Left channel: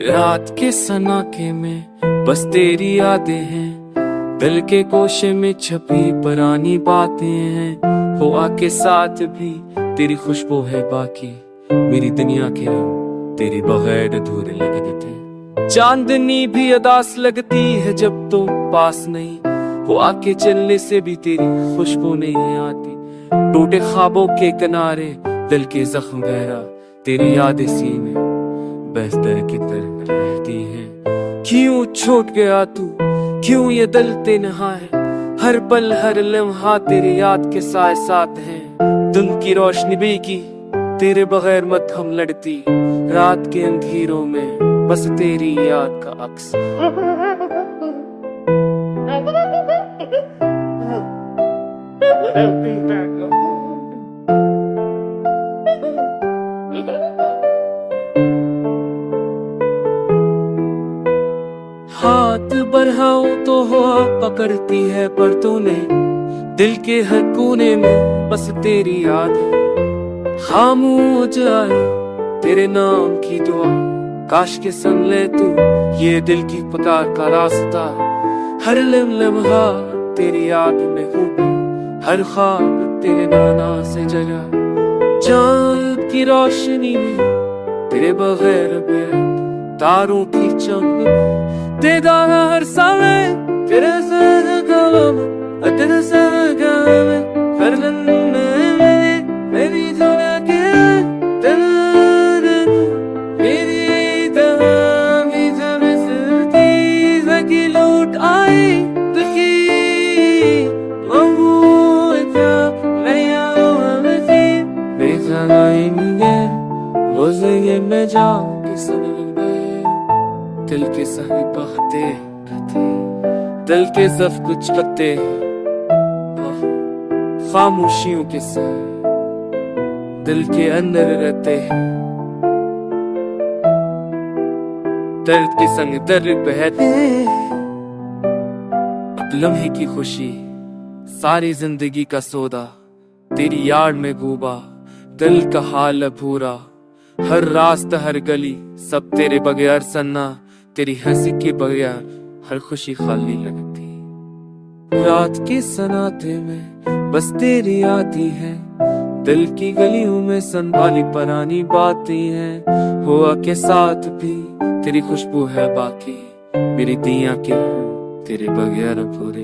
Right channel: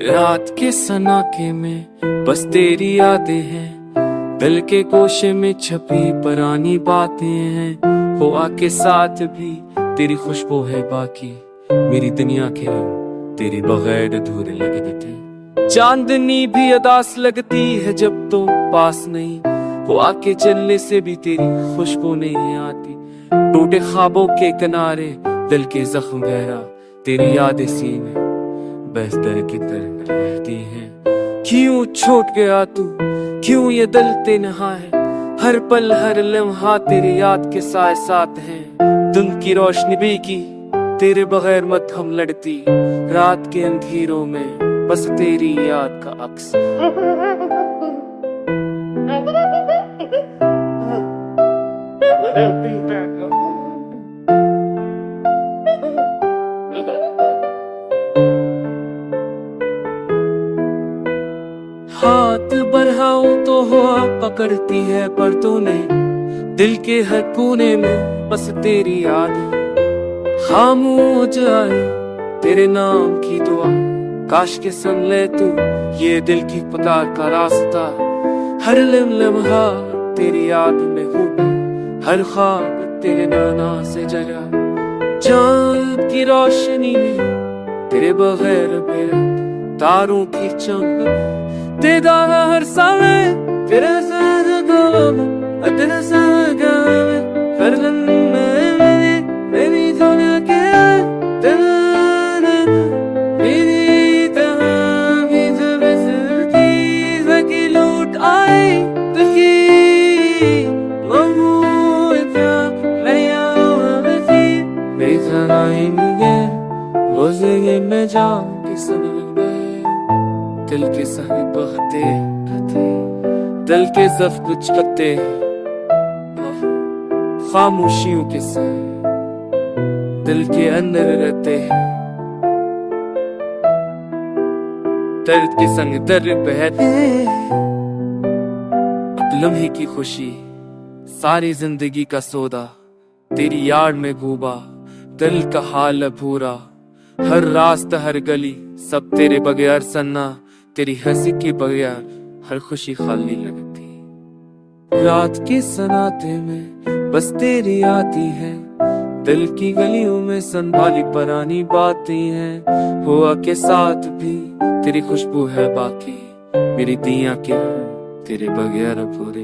रात के सनाके में बस तेरी यादें हैं, दिल के कोशे में छपी पुरानी बातें हैं। हो आके साथ भी तेरी खुशबू है बाकी, मेरी दुनिया के रंग तेरे बगैर अधूरे लगते थे। चांदनी भी अदास लगती है जब तुम पास नहीं हो, आके चलने से भी तेरी खुशबू नहीं आती। टूटे ख्वाबों के किनारे दिल के जख्म गहरा, तेरी यादें सीने बेहतर की तरह रहती है। क्यों छूट गया तू, क्यों ये दिल तन्हा है, हर पल हर लम्हा तेरी याद के साथ साथ है। दिन की रोशनी भी की तेरे बगैर मत हम लड़ती, रात के अंधेरों में बस तेरी याद का अक्स। हाथ बढ़ाओ तो हवा पकड़ती है, पर तूने दिल के हर कोने में बस तेरी याद है। खामोश आए तेरे नाम की दुआ, काश के सुन ले तू ये दिल की पुकार का रास्ता। हर लम्हा तेरी याद में डूबा, हर ख्वाब तेरे नाना से जगा। चांद की रोशनी में तेरे बगैर बेरंग तारों की चमक, तेरा हर समय तेरे साथ गम, तेरे साथ गम। हर लम्हे मेरी दुनिया के दिल मेरी तरह की जब सिलती की लूट आई दुखी मऊँ क्या नया थी मेरी सनाएंगे रोज़े में जाऊं कि सनग दिल के सारे बहते रहते, दिल के सब कुछ पत्ते खामोशियों के साथ दिल के अंदर रहते हैं। दर्द के संग दर्द बहते, अब लम्हे की खुशी सारी जिंदगी का सौदा, तेरी याद में डूबा दिल का हाल भूरा। हर रास्ता हर गली सब तेरे बगैर सन्ना, तेरी हंसी के बगैर हर खुशी खाली लगती। रात के सन्नाटे में बस तेरी आती है, दिल की गलियों में संभाली पुरानी बातें हैं। हुआ के साथ भी तेरी खुशबू है बाकी, मेरी दिया के तेरे बगैर पूरे।